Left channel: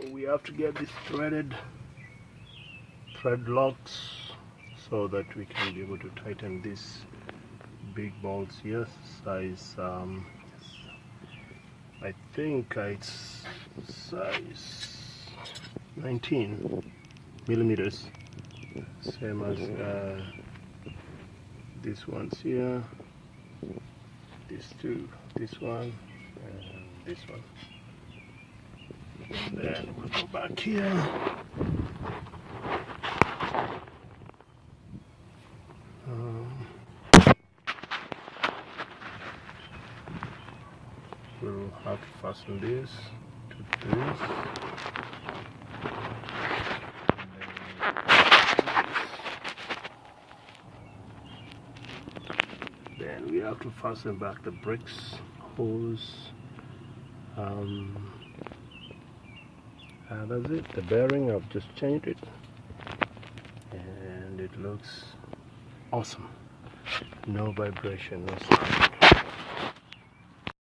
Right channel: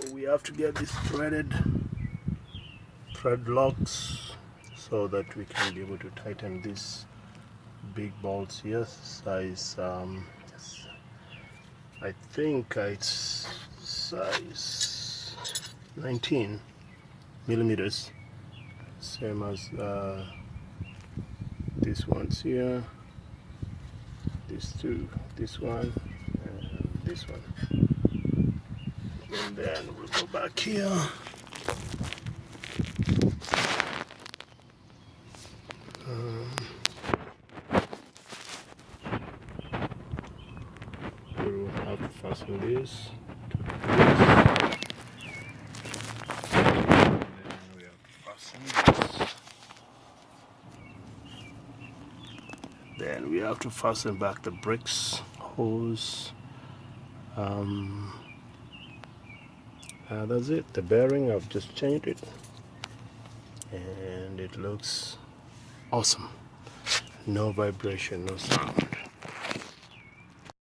So we have to get these thread locks so that we can be able to tighten these big bolts here, size I think it's size 19 millimeters, same as these ones here, these two, this one and this one. And then we'll go back here. We'll have to fasten this to this. Then we have to fasten back the bricks hose. That's it. The bearing, I've just changed it, and it looks awesome. No vibration, no sound.